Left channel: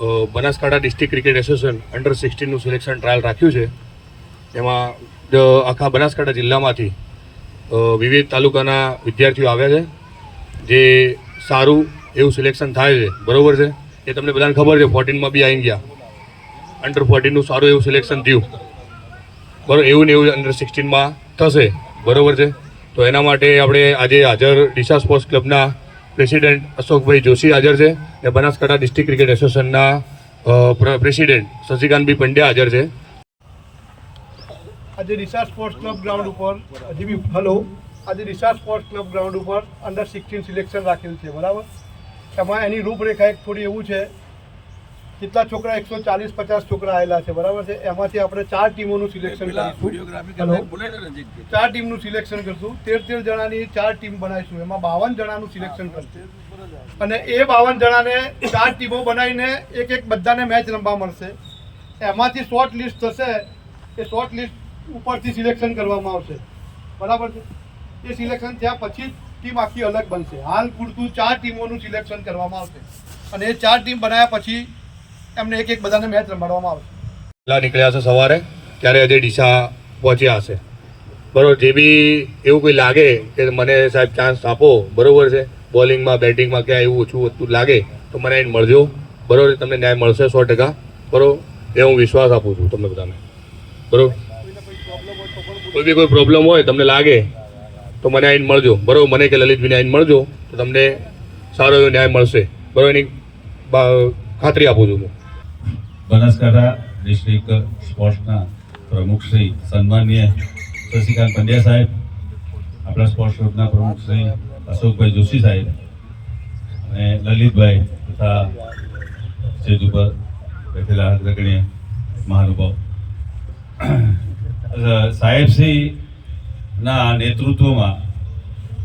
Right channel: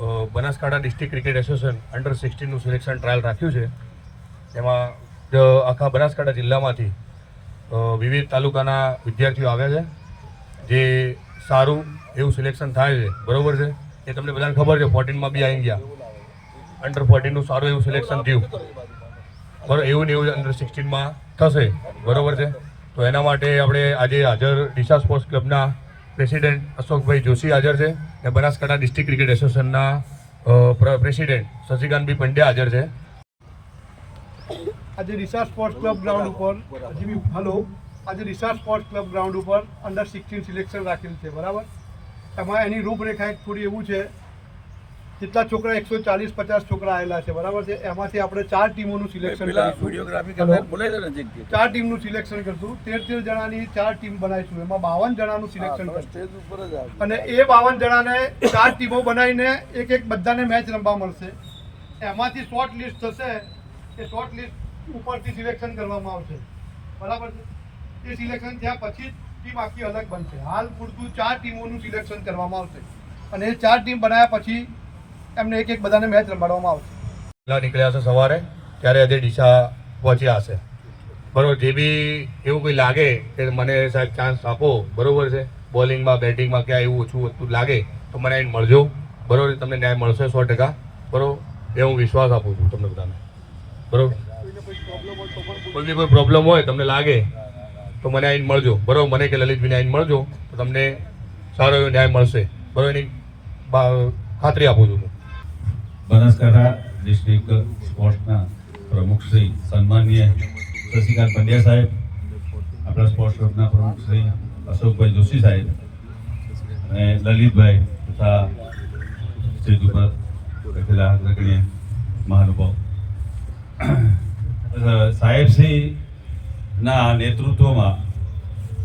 Banaskantha district cricket association under 16નું selection trial રાખ્યું છે. એમાં આખા બનાસકાંઠા જિલ્લામાંથી વિવિધ તાલુકાના વિદ્યાર્થીઓ આવ્યા છે. જે સારું એવું સિલેક્શન થાય છે, બરાબર છે. એ તમને બધાને ખબર છે, 14માં બી આવી ગયા. અંડર 14નું સારું એવું સિલેક્શન થયું, બરાબર. એવું ને એવું અંડર 16માં થશે, બરાબર છે. તો એના માટે આપણે આજે હાજર ડીસા સ્પોર્ટ્સ ક્લબના પ્રેસિડેન્ટ અશોકભાઈ જોશી હાજર છે અને બનાસકાંઠા ડિસ્ટ્રિક્ટ ક્રિકેટ એસોસિએશનના પ્રેસિડેન્ટ શશિકાંતભાઈ પંડ્યા હાજર છે. આજે ડીસા સ્પોર્ટ્સ ક્લબ ગ્રાઉન્ડ ઉપર આજે ડીસા સ્પોર્ટ્સ ક્લબ ગ્રાઉન્ડ ઉપર અંડર 16 સિલેક્શન રાખેલ છે, બરાબર. એમાં એની રૂપરેખા એક થોડી એવું છે, જેટલા છોકરા 140-50 છોકરા આવેલા છે, બરાબર છે. એમાંથી આપણે 4 ટીમોનું સિલેક્શન કરીશું. 4 ટીમનું સિલેક્શન કરશું. 13 જણાની 4 ટીમ બનાવીશું. એમાં 52 જણાનું સિલેક્શન કરશું અને એ 52 જણાને 4 ટીમો બનાવીને એક બધાને મેચ રમવા મળશે. એમાંથી શોર્ટ લિસ્ટ થશે. એ શોર્ટ લિસ્ટ ઉપરથી સિલેક્શન કરવામાં આવશે, બરાબર છે. એ સિલેક્શન થયા પછી ટીમ આખી અલગ બનશે. હાલ પૂરતું 4 ટીમોનું સિલેક્શન કરવામાં આવશે અને એ 4 ટીમ બનાવ્યા પછી એમને એક બધાને મેચ રમાડવામાં આવશે. નીકળ્યા છે સવારે, ત્યારે આજે ડીસા પહોંચ્યા હશે, બરાબર. જે બી એવું કોઈ લાગે કે મને સાહેબ ચાન્સ આપો, બરાબર છે, બોલિંગમાં બેટિંગમાં ક્યાં એવું ઓછું લાગે તો મને આવીને મળજો, બરાબર. તમને ન્યાય મળશે 100%, બરાબર. એ હું વિશ્વાસ આપું છું તમને બધાને, બરાબર. કોઈ પ્રોબ્લેમ હોય તમને લાગે તો મને આવીને મળજો, બરાબર. મને કે લલિતભાઈને આવીને મળજો તો તમને સારો એવો ન્યાય મળશે, બરાબર. એની ખાતરી આપું છું હું. બનાસકાંઠા ડિસ્ટ્રિક્ટ સ્પોર્ટ્સના પ્રમુખ શ્રી સન્માનીય શશિકાંત પંડ્યા સાહેબ, આપણા સ્પોર્ટ્સ ક્લબના પ્રમુખ શ્રી અશોકભાઈ જોશી સાહેબ અને લલિતભાઈ તથા સ્ટેજ ઉપર બેઠેલા અગ્રગણ્ય મહાનુભાવ સાહેબશ્રીના નેતૃત્વમાં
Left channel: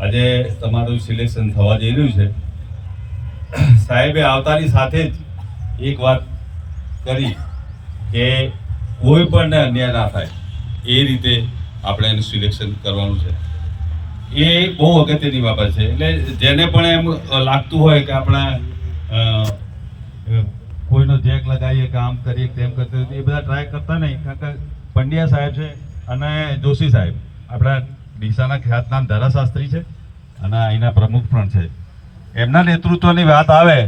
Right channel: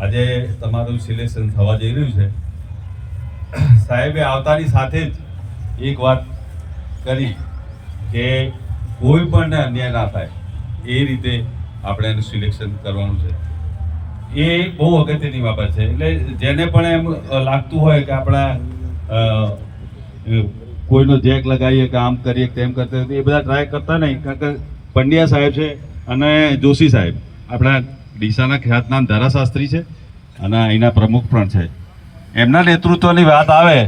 આજે તમારું સિલેક્શન થવા જઈ રહ્યું છે. સાહેબે આવતાની સાથે જ એક વાત કરી કે કોઈ પણ અન્યાય ના થાય એ રીતે આપણે એનું સિલેક્શન કરવાનું છે. એ બહુ અગત્યની બાબત છે. એટલે જેને પણ એમ લાગતું હોય કે આપણા કોઈનો જેક લગાવીએ કે આમ કરીએ તેમ કરતા, એ બધા ટ્રાય કરતા નહીં. કારણ કે પંડ્યા સાહેબ છે અને જોશી સાહેબ આપણા ડીસાના ખ્યાતનામ ધારાશાસ્ત્રી છે અને અહીંના પ્રમુખ પણ છે. એમના નેતૃત્વની વાત આવે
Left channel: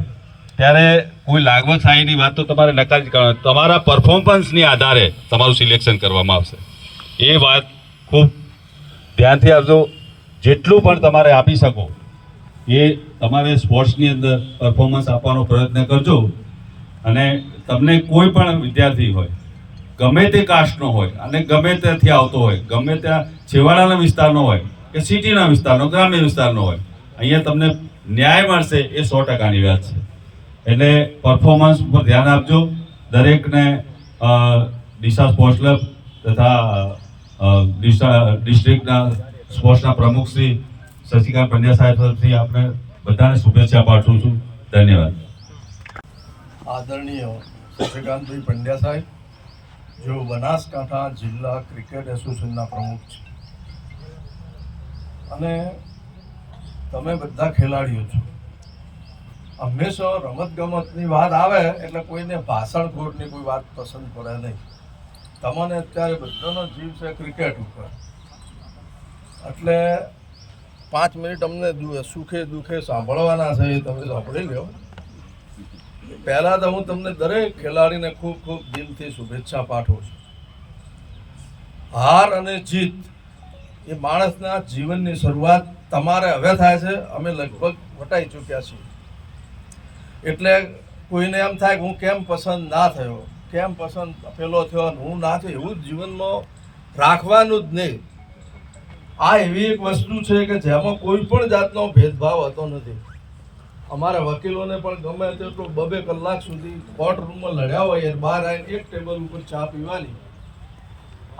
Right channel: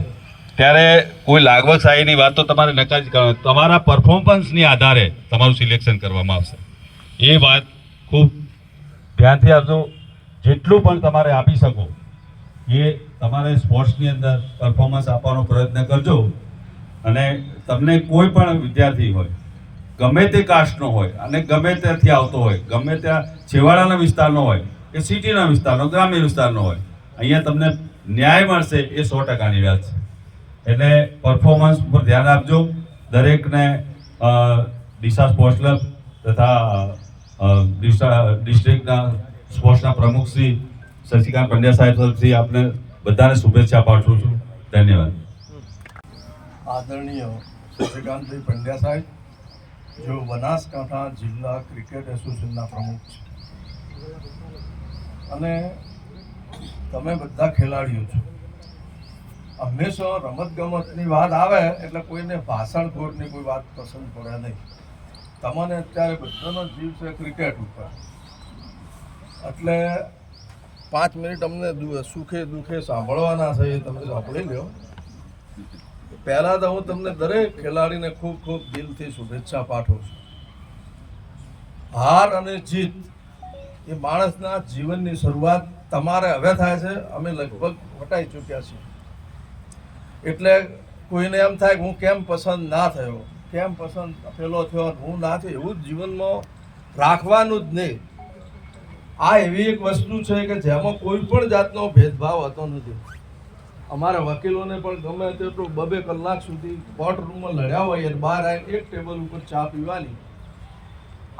ત્યારે કોઈ લાગવશાહીની વાત તો તમારે નકારી કરવાની. તમારા પરફોર્મન્સની આધારે તમારું સિલેક્શન કરવામાં આવશે. એ વાત ખૂબ ધ્યાનથી આપજો. જેટલું પણ તમારે આપી શકો એ તમારે સ્પોર્ટ્સની અંદર પરફોર્મન્સ આપવાનો પ્રયત્ન કરજો. અને તમને કોઈ પણ વિદ્યાર્થી હોય, ગમે તે કાસ્ટનો હોય અને ગમે ત્યાંથી આવતો હોય, ગમે ત્યાં છેવાડાના વિસ્તારનો હોય કે સિટીના વિસ્તારનો, ગ્રામ્ય વિસ્તારનો હોય, અહીંયા તમને ન્યાય મળશે એ 100%ની વાત છે. એટલે પરફોર્મન્સ ઉપર ધ્યાન આપજો. દરેકને ડીસા સ્પોર્ટ્સ ક્લબ તથા ડિસ્ટ્રિક્ટના સ્પોર્ટ્સના પ્રમુખ શ્રી શશિકાંત પંડ્યા સાહેબ તરફથી આપણે બધાને શુભેચ્છા પાઠવું છું. ધન્યવાદ. આદરણીય શશિકાંતભાઈ પંડ્યા સાહેબ, जो बनासकांठा जिला क्रिकेट एसोसिएशनના પ્રમુખ છે અને તમે બધા ખેલાડીઓ છો. હંમેશા રમતગમતની વાત આવે એટલે કોઈને ભાષણખોરની કોઈ વાત પસંદ પડે નહીં. તમને અત્યારે બધાનો જીવ છે ક્રિકેટ ઉપર, એટલે 5 મિનિટ અમને સુખે દુઃખે સાંભળવાના છે, એ તમે સાંભળી લો. પહેલાં તો હું તમને દરેક ખેલાડીને ખૂબ ખૂબ દિલથી શુભેચ્છા પાઠવું છું. હાર અને જીત એ માણસના જીવનની શરૂઆત તમારે હવે થાય છે. અમે લગભગ વટાઈ ચૂક્યા છીએ. એટલે કોઈને એમ થાય કે હું કેમ પસંદ ના થયો, કેમ પસંદ પેલો થયો, હું ના થયો, એવું જ જીવનમાં રાખવાનું જ નહીં. આ એવી એક વસ્તુ છે કે જેમાં કોઈ પણ જાતનો ભેદભાવ હોતો નથી. અમારા વકીલોને પણ ગમે તેટલું 2-2 કલાક સુધી કોર્ટ રૂમમાં લડ્યા હોય અને બહાર આવીને એક ટેબલ ઉપર ચા પીવાની,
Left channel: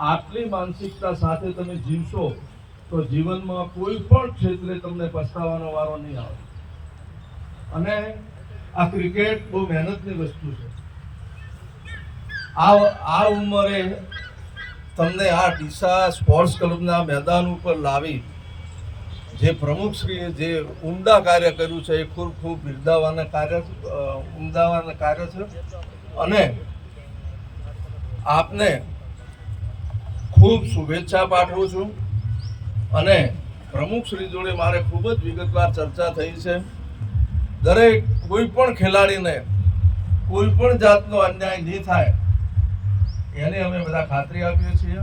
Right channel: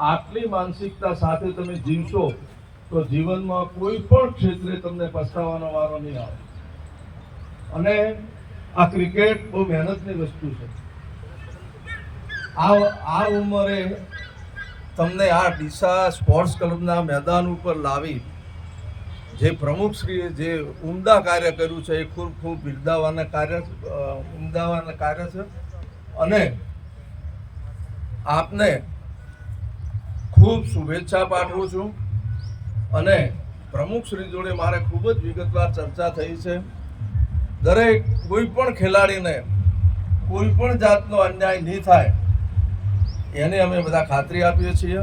આટલી માનસિકતા સાથે તમે જીવશો તો જીવનમાં કોઈ પણ ક્ષેત્રે તમને પસ્તાવાનો વારો નહીં આવે. અને આ ક્રિકેટ બહુ મહેનતની વસ્તુ છે. આ ઉંમરે તમને આ ડીસા સ્પોર્ટ્સ ક્લબના મેદાન ઉપર લાવી જે પ્રમુખશ્રીએ જે ઉમદા કાર્ય કર્યું છે એ ખૂબ ખૂબ બિરદાવવાના કાર્ય છે અને આપને ખૂબ શુભેચ્છા પાઠવું છું. અને પ્રમુખશ્રી જોડે મારે ખૂબ જ વિગતવાર ચર્ચા થઈ છે. દરેક કોઈ પણ ખેલાડીને કોઈ પણ જાતનો અન્યાય નહીં થાય એને અમે બધા ખાતરી આપીએ છીએ.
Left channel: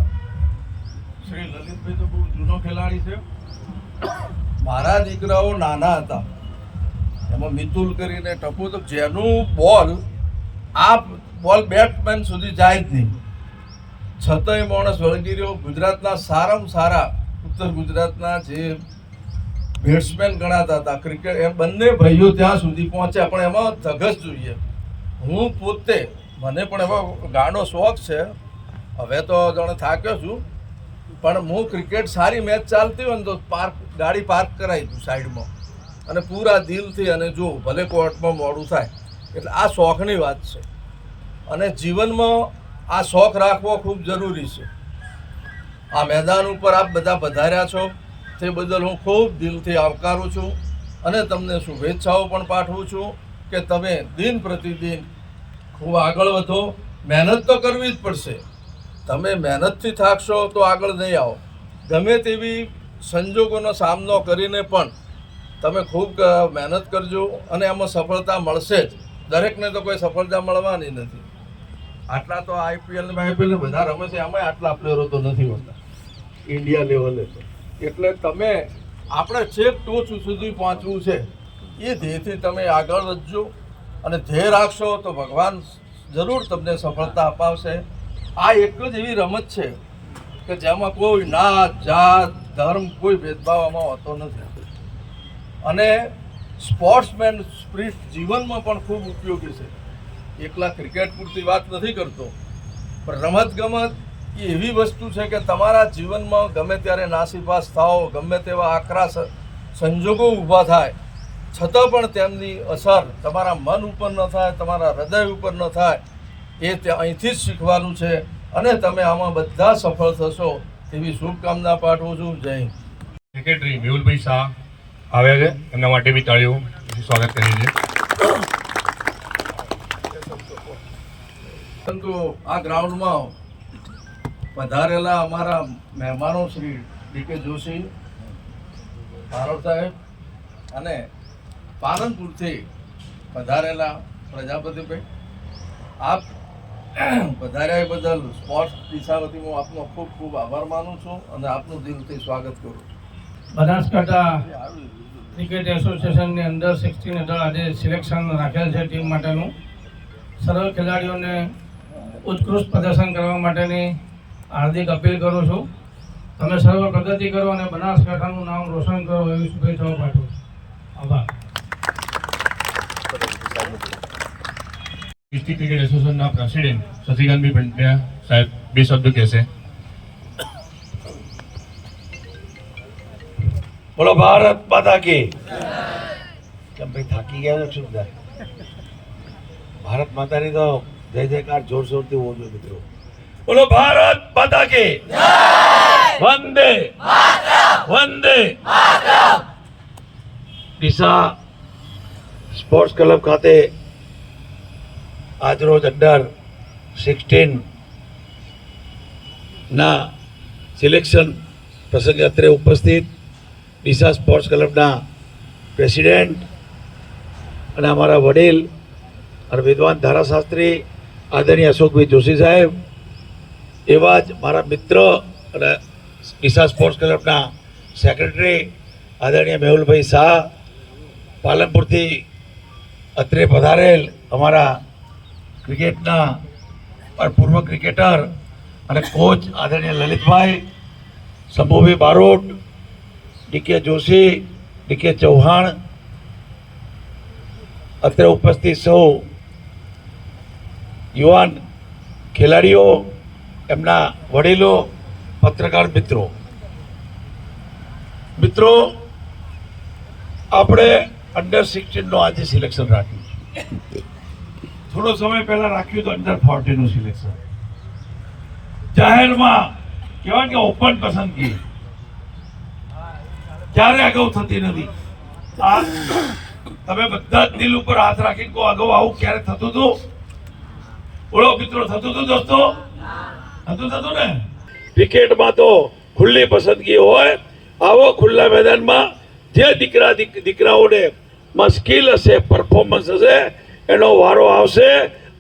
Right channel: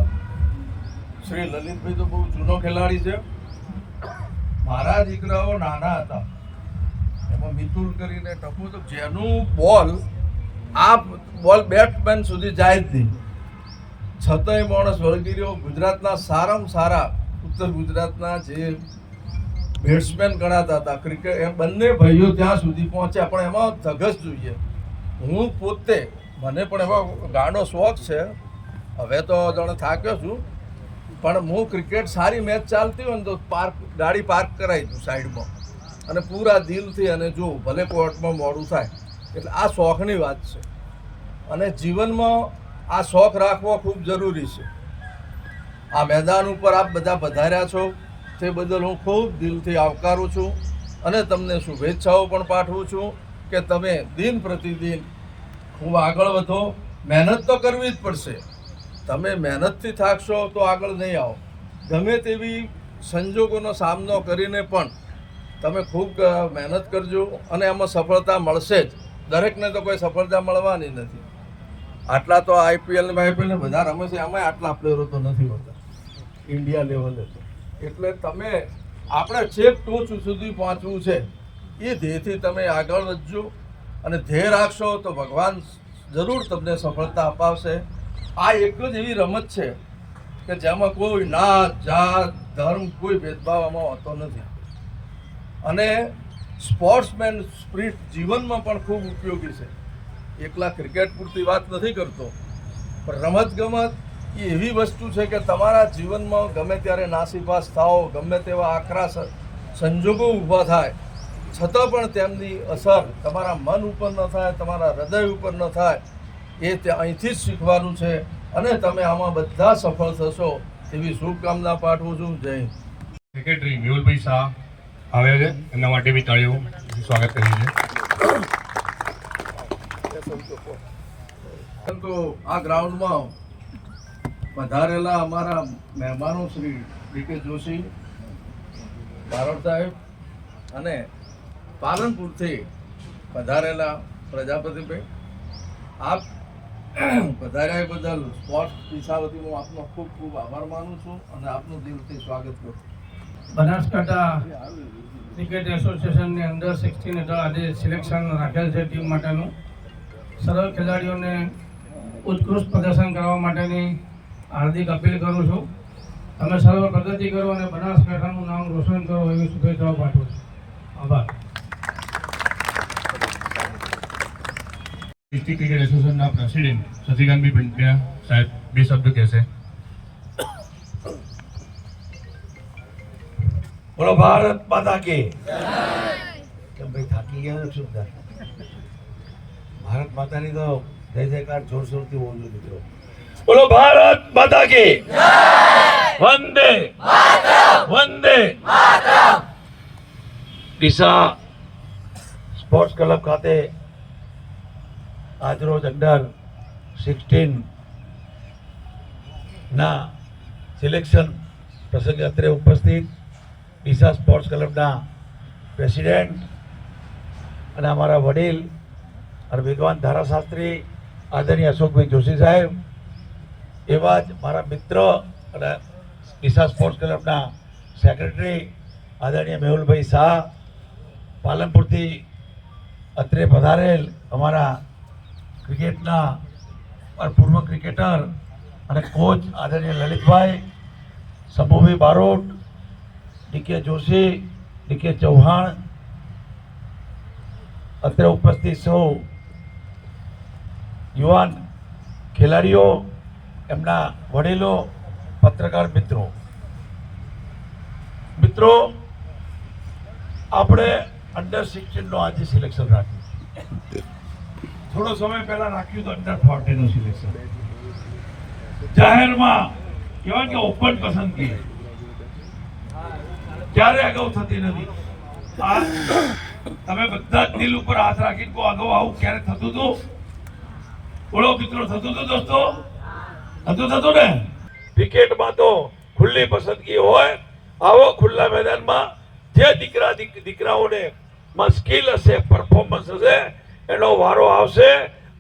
શ્રી લલિતભાઈ તો બહુ જૂનો ખેલાડી છે. મારા દીકરાઓ નાના હતા એમાં મિતુલ કરીને ટપુ તો જેનું બોલ બેટ્સમેન સુધી જાય જ નહીં છતાંય માણસ વળગી રહ્યો. ગુજરાતના સારામાં સારા ઉત્તર ગુજરાતના જે બેટ્સમેન ગણાતા હતા ક્રિકેટ એમ બંને ભાઈઓ ત્યાં સુધી પહોંચ્યા. પણ એમાં ધગસ જોઈએ. હું પોતે મને પણ એવો ગાઢો શોખ છે. હવે તો જાણે થાક્યો છું પણ હું ક્રિકેટ સારી મેચ ચાલતી હોય ને તો ગાડી પાર્ક કરાવી દઉં સાઈડમાં અને પૂરા દિલથી અને જોઉં ભલે કોર્ટમાં મોડું થાય. એટલે આ શોખની વાત છે અને જીવનમાં આ શોખ રાખવો ખૂબ જરૂરી છે. આ મેદાન ઉપર આપ બધા પધાર્યા છો તે બદલ હું ખૂબ દિલથી આવકારું છું અને તમને શુભેચ્છાઓ પણ પાઠવું છું કે તમે દિન પ્રતિદિન ખૂબ આગળ વધો. મહેનત તો કરવી જ પડશે. તમે મહેનતથી થાકશો તો આગળ નહીં આવો. ગમે તેવી સંજોગોનો સામનો કરીને પણ તમે ખૂબ મહેનત કરજો અને એમાં સફળતા મળશે જ. દરેકને તો કોઈ સફળતા મળવાની નથી. આટલા તો આઈપીએલ બધા રમે છે એમાં આટલા પ્લેયરો તો નથી હોતા ઇન્ડિયા લેવલે. એટલે તમે આપણે છેક ટોચ સુધી પહોંચવું છે એ ધ્યેયથી તમે આગળ વધજો અને ધ્યેય રાખશો તો ભગવાન જરૂર તમને સફળતા અપાવશે. આ એક જ એવી રમત છે કે જેમાં કોઈ નાત જાત ધર્મ કોઈ ભેદભાવ આમાં હોતો નથી અને સ્પોર્ટ્સમેન સ્પિરિટ જીવનમાં પણ ખૂબ ઉપયોગી છે. એકલા ક્રિકેટ પૂરતી વાત નથી કરતો પણ રમતગમત એ એવી વસ્તુ છે કે તમારા જીવનમાં ગમે ત્યારે નાસીપાસ થાઓ ગમે તેવા આકરા સંજોગો ઊભા થાય છતાં પણ તેમની અસર તમારા મન ઉપર ન થાય તમારા હૃદય ઉપર ન થાય એ અહીંથી જ શીખવાનું છે અને તમે આમાં બધા સફળ થશો એવી શુભકામના પાઠવું છું. જય હિન્દ. સેક્રેટરી મેહુલભાઈ શાહ આવ્યા છે એમના માટે બી તાળીઓ સ્વાગત કરીએ છીએ. પરંતુ આ ગ્રાઉન્ડમાં પધારેલા અમારા મહેમાનો શ્રી ડી.કે. જોશી બારોટ સાહેબ અને પાલનપુરથી પધારેલા પ્રજાપતિભાઈ આપ પધાર્યા બદલ સ્પોર્ટ્સ દિશા વતી હું આપનો ખૂબ ખૂબ આભાર માનું છું અને આપનું દિલથી સ્વાગત કરું છું. બનાસકાંઠા ક્રિકેટ એસોસિએશનની અંડર 16 હેઠળ આજે સિલેક્શન રાખેલ છે ટીમ માટેનું. સર્વ ખેલાડીઓને ઉત્કૃષ્ટ પ્રદર્શન કરવા માટેની હાર્દિક અપીલ કરું છું. તમે સર્વ પ્રગતિ કરો અને બનાસકાંઠાનું નામ રોશન કરો એવી શુભેચ્છાઓ પાઠવું છું. આભાર. ડિસ્ટ્રિક્ટ ક્રિકેટ એસોસિએશનના પ્રેસિડેન્ટ શશિકાંતભાઈ પંડ્યા સાહેબ બે શબ્દ કહેશે. બોલો ભારત માતા કી. કેમ ભાઈ થાકી ગયા છો? શું થાય? ભારત માતાની તો જય જયકાર જોર જોરથી બોલો મિત્રો. બોલો ભારત માતા કી. વંદે વંદે. ડીસા સ્પોર્ટ્સ ક્લબ ખાતે આજરોજ અંડર 16 ના સિલેક્શન પ્રસંગે અત્રે ઉપસ્થિત ડીસા સ્પોર્ટ્સ ક્લબના પ્રેસિડેન્ટ અને અમારા વડીલ અને વિદ્વાન ધારાશાસ્ત્રી આદરણીય અશોકભાઈ જોશી સાહેબ, એવા જ મારા મિત્ર અને ડીસા સ્પોર્ટ્સ ક્લબના સેક્રેટરી આદરણીય મેહુલભાઈ શાહ, પાલનપુરથી અત્રે પધારેલ અમારા ક્રિકેટના પૂર્વ ક્રિકેટર અને કોચ આદરણીય લલિતભાઈ, શંભુભાઈ બારોટ, ડી.કે. જોશી, ડી.કે. ચૌહાણ, અત્રે ઉપસ્થિત સૌ યુવાન ખેલાડીઓ, એમના વડીલો, પત્રકાર મિત્રો, આપણે અંડર 16 નો આજે સિલેક્શન રાખ્યું છે. થોડો સમય પહેલા રાખ્યું તો અંડર 14 નું સિલેક્શન. જાહેરમાં કહેવાય કે ઓપન પસંદગી ક્યારે અગાઉ થતી નથી. તમે બધા જ દિલ ઉપર હાથ રાખીને કહો અગાઉ આવું ક્યારે થતું હતું? બોલો મિત્રો, થતું હતું દોસ્તો? થતું ને? ક્રિકેટમાં તો ખુલ્લી પસંદગી હોય. આવો ખુલ્લા મેદાનમાં જે દીકરાઓને માં સ્કિલ હશે, પરફોર્મન્સ હશે, એનો વારો આવશે.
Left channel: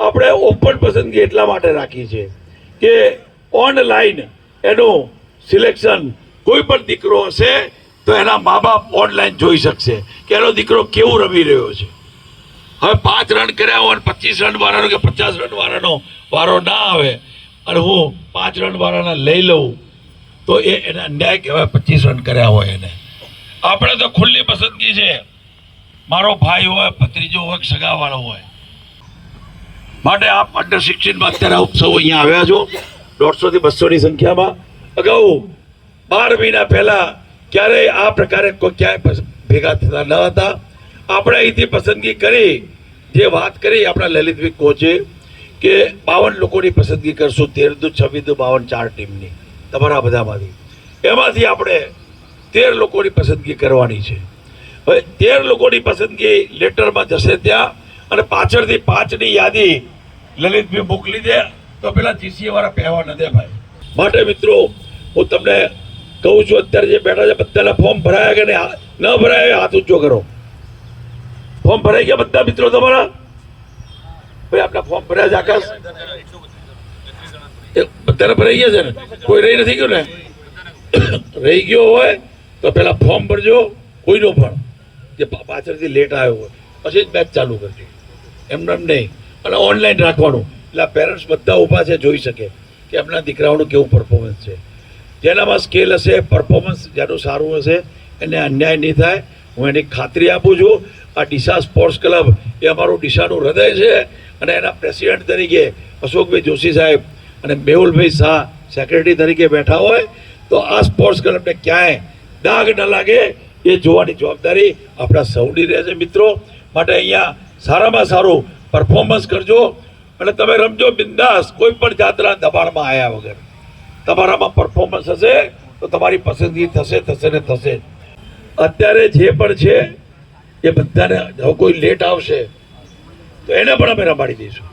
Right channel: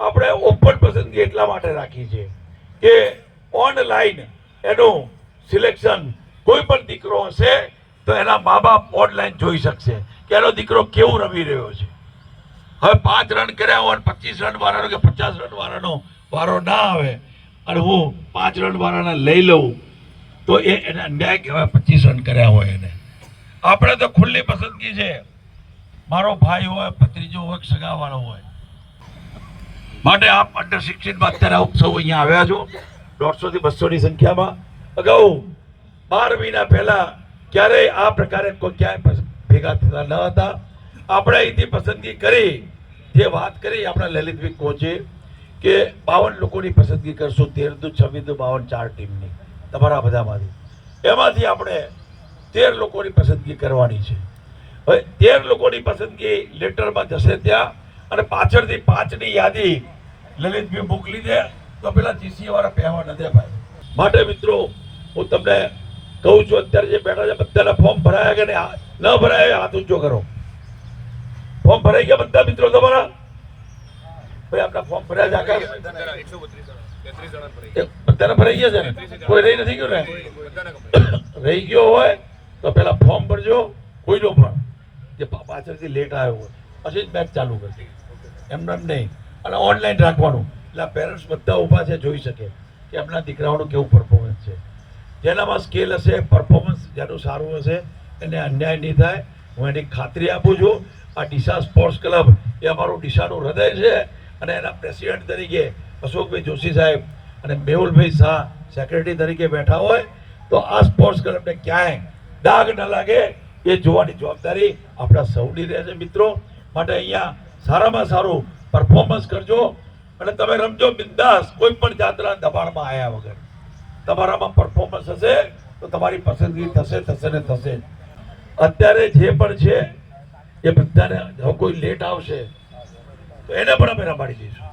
આપણે ઓપન પસંદગી એટલા માટે રાખી છે કે ઓનલાઈન એનું સિલેક્શન, કોઈ પણ દીકરો હશે તો એના મા બાપ ઓનલાઈન જોઈ શકશે કે એનો દીકરો કેવું રમી રહ્યો છે. હવે 5 રન કર્યા હોય 25 રન વાળાનો કે 50 રન વાળાનો વારો ના આવે અને હું 5 રન વાળાના લઈ લઉં તો એને અન્યાય કહેવાય. 25 રન કર્યા હોય એને. આપણે તો ખુલ્લી પસંદગી છે. મારો ભાઈ હોય, ભત્રીજો હોય, સગાવાળો હોય. માટે આપ અંડર 16માં અત્યારે ઉત્સવ અહીંયા આવ્યા છો 150 થી 200 ની સંખ્યામાં. અગાઉ 12 મહિના પહેલા ક્યારેય આ પ્રકારે કોઈ ક્યાંય ભેગા થતા ન હતા. આપણે અહીંથી પસંદગી કરી, જે વાત કરી આપણા લલિતભાઈ કોચે કે 52 લોકોની પસંદગી કરશું, 13 26 52 4 ટીમની તમારા બધામાંથી. એમાંથી આપણે 13 લોકોની પસંદગી કરવાની છે. હવે 13 લોકોની પસંદગી લેટરમાં જશે ત્યાં, અને પાછળથી 5ની યાદી લલિતભાઈ મોકલી દે તો પેલા જીસીએ વાળા પહેવા ન દે ભાઈ. માટે મિત્રો હું તમને કહું છું, અત્યારે જે બેઠા છે બધાના ફોર્મ ભરાયા કે ન ભરાયા હાથ ઊંચો કરો. ફોર્મ ભરાઈ ગયા બધા મિત્રો તમારા? ભાઈ આપણા ફોર્મ ભર્યા છે આકાશ? બધાને ભરાઈ ગયા છે ને? કોઈ રહી નથી ગયું ને? રહી ગયો હોય તો પેલા ફોર્મ ભરજો. કોઈનો પણ જે પાછળથી લેટ આવ્યો હોય પછી જ મેચ ચાલુ કરજો, એમને એમ નહીં. અને ઓનલાઈન રાખવાનું એટલે પેરેન્ટ્સ બધા ઊભા છે, જોઈ શકે કે એમના દીકરાઓનું કેવું પરફોર્મન્સ છે. જેનામાં સ્કેલ હશે, પરફોર્મન્સ જેનું સારું હશે એને અન્યાય નહીં થાય. હું એની ખાતરી આપું છું. આ ડીસા સ્પોર્ટ્સ ક્લબ એ અમારું ડીસાનું હૃદય છે, અને એના પ્રેસિડેન્ટ તરીકે અશોકભાઈ જોશી સાહેબ અને મેહુલભાઈ શાહ સેક્રેટરી તરીકે બેઠા હોય તો આ સ્પોર્ટ્સ ક્લબને ક્યાંય ડાઘ ન લાગે એ જોવાની જવાબદારી આપણા સૌની રહે છે મિત્રો. માટે અહીંયા સારામાં સારું પરફોર્મન્સ કરજો અને તમે રમજો બિંદાસ, કોઈ પણ જાતના દબાણમાં આવ્યા વગર. તમારામાં પરફોર્મન્સ હશે તો તમારી પસંદગી થશે ને થશે. અત્યારે જે પણ છે એ બધાને, હવે કોઈ લેટ આવશે તો એને પણ અમે રમાડી દઈશું.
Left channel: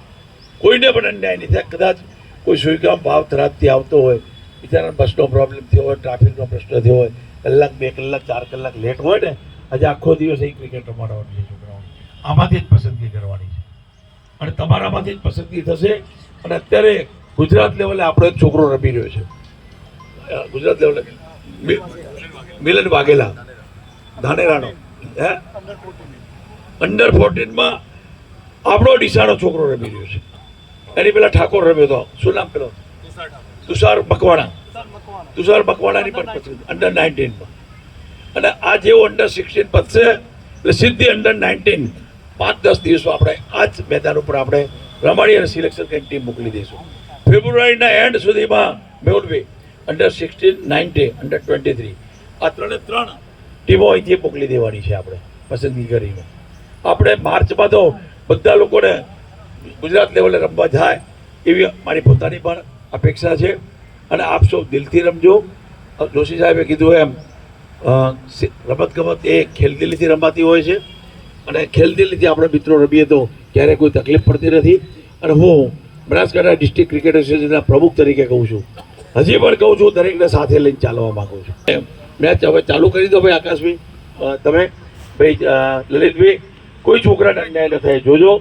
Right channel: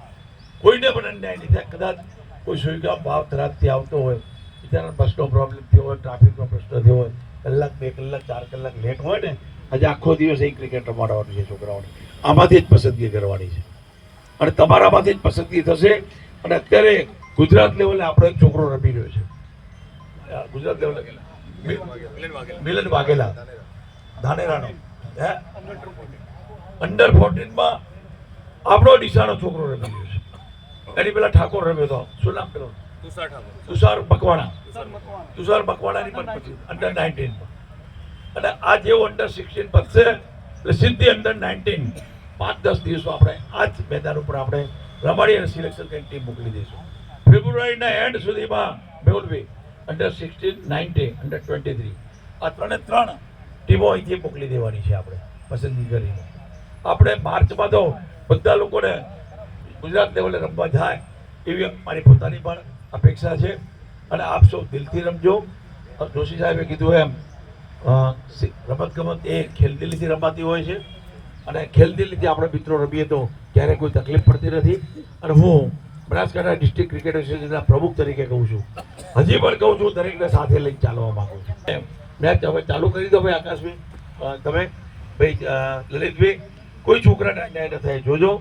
કોઈને પણ અન્યાય નહીં થાય. કદાચ કોઈ સુઈગામ ભાવ થરાદથી આવતો હોય, બિચારાને બસનો પ્રોબ્લેમ થયો હોય, ટ્રાફિકનો પ્રશ્ન થયો હોય, કલાક 2 કલાક 4 કલાક લેટ હોય ને, આજે આખો દિવસ અહીં ક્રિકેટ રમાડવાનું છે છોકરાઓને. આમાંથી જ પસંદગી કરવાની છે અને તમારામાંથી જ પસંદગી થશે. અને અત્યારે ગુજરાત લેવલે આપણો એક છોકરો રમી રહ્યો છે. ગુજરાત લેવલે મિલન વાઘેલા ધાનેરાનો, હે અંડર 14માં આપણો ડીસાનો છોકરો રમી રહ્યો છે. એની પેલા ઠાકોર રમ્યો હતો, શું નામ પેલો? તુષાર મકવાણાની પણ પછી અંડર 19માં. અને આ જેવો અંડર 16 પતશે એટલે સીધી અંડર 19 5-10 દિવસમાં આપણે આ જ મેદાન ઉપર આપણે રમાડી અને સિલેક્શન કરીને ટીમ મોકલી દઈશું. ફેબ્રુઆરીના એન્ડ સુધીમાં મેહુલભાઈ અંડર 16, 19, અંડર 23 આ 3 ટીમો અહીંથી મોકલી દેવાની છે આપણે પસંદગી કરીને. આપણે માર્ચમાં તો બધા લોકોને ગુજરાત લેવલે રમવા જાય એવી મારી પોતાની પણ અપેક્ષા છે. અને આપ સૌ દિલથી રમજો. જોશી સાહેબે કીધું એમ રમતગમત એ ખેલદિલીથી રમાતી હોય છે, અને ખેલદિલીથી આપણે મિત્રો રમીએ તો ક્યારેય કોઈ તકલીફ પડતી નથી. અને હું બનાસકાંઠા ડિસ્ટ્રિક્ટ ક્રિકેટ એસોસિએશનના પ્રમુખ તરીકે કહું છું, હજી પણ કહું છું, દરેકને સાથે લઈને ચાલવા માંગુ છું. મેચ હવે ચાલુ કરી દો ભાઈ. આકાશભાઈ, તમે ભાઈ લલિતભાઈ, કોઈ છોકરાને અન્યાય ન થાય જોજો.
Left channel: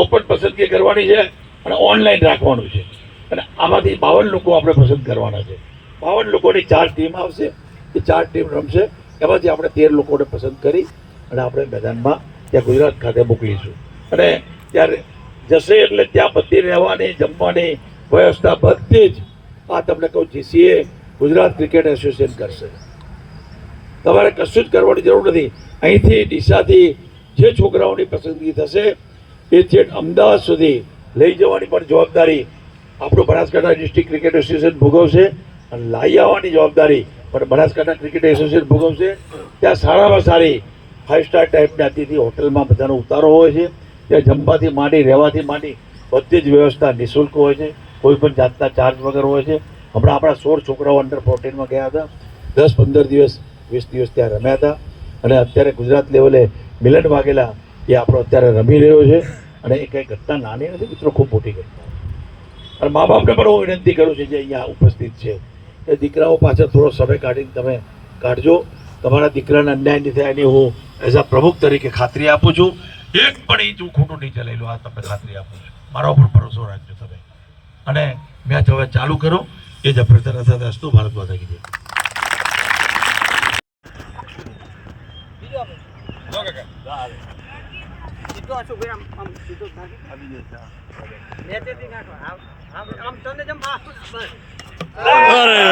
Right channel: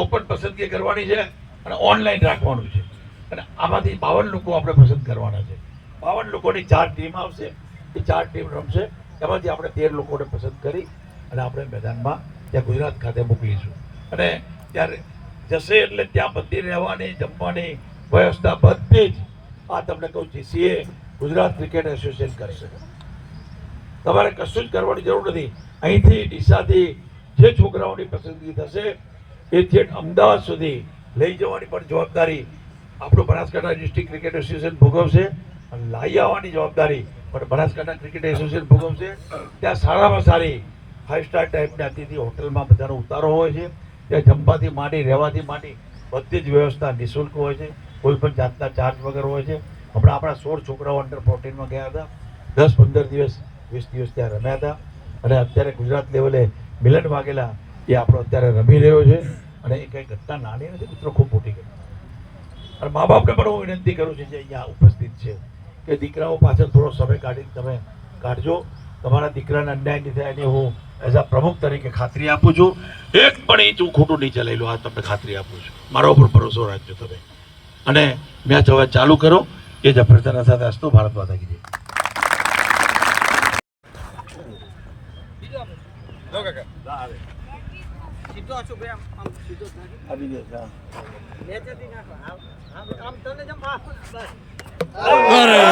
ઓપન પસંદગી કરવાની છે અને ઓનલાઈન રાખવાનું છે. અને આમાંથી 52 લોકો આપણે પસંદ કરવાના છે. 52 લોકોની 4 ટીમ આવશે. એ 4 ટીમ રમશે. એમાંથી આપણે 13 લોકોને પસંદ કરી અને આપણે મેદાનમાં ત્યાં ગુજરાત ખાતે મોકલીશું. અને ત્યારે જશે એટલે ત્યાં બધી રહેવાની, જમવાની વ્યવસ્થા બધી જ આ તમને કહું જીસીએ ગુજરાત ક્રિકેટ એસોસિએશન કરશે. તમારે કશું જ કરવાની જરૂર નથી. અહીંથી ડીસાથી જે છોકરાઓની પસંદગી થશે એ છેક અમદાવાદ સુધી લઈ જવાની પણ જવાબદારી આપણું બનાસકાંઠા ડિસ્ટ્રિક્ટ ક્રિકેટ એસોસિએશન ભોગવશે. અને લાવી આવવાની જવાબદારી પણ બનાસકાંઠા ક્રિકેટ એસોસિએશન ભોગવશે. ત્યાં સારામાં સારી 5 સ્ટાર ટાઈપની અતિથિ હોટલમાં બધાનો ઉતારો હોય છે. ત્યાં જમવાથી માંડી, રહેવાથી માંડી બધી જ વ્યવસ્થા નિઃશુલ્ક હોય છે. કોઈ પણ જાતના ચાર્જ વગર હોય છે. હમણાં આપણા 16 છોકરાઓ અંડર 14માં ગયા હતા. 10-15 દિવસ 20 દિવસ ત્યાં રમ્યા હતા અને અત્યારે ગુજરાત લેવલે મિલન વાઘેલા એ આપણો અત્યારે રમી રહ્યો છે અને એ કંઈ ઘટના નાની નથી મિત્રો, ખૂબ મોટી ઘટના. અને મા બાપને પણ હું વિનંતી કરું છું જે અહીંયા ઉપસ્થિત છે કે દીકરાઓ પાછળ થોડો સમય કાઢીને તમે કાઢજો. તમારા દીકરાને અન્યાય નહીં થાય એની હું એઝ અ પ્રમુખ તરીકે ખાતરી આપું છું. એક પણ ઇંચ હું ખોટું નહીં ચલાવેલું, આ તમને ખાતરી આપું છું. મારા ઉપર ભરોસો રાખજો તમે અને મેચ હવે ચાલુ કરો. એ જ અભ્યર્થના સાથે હસતો ભારત માતા કી જય. અરે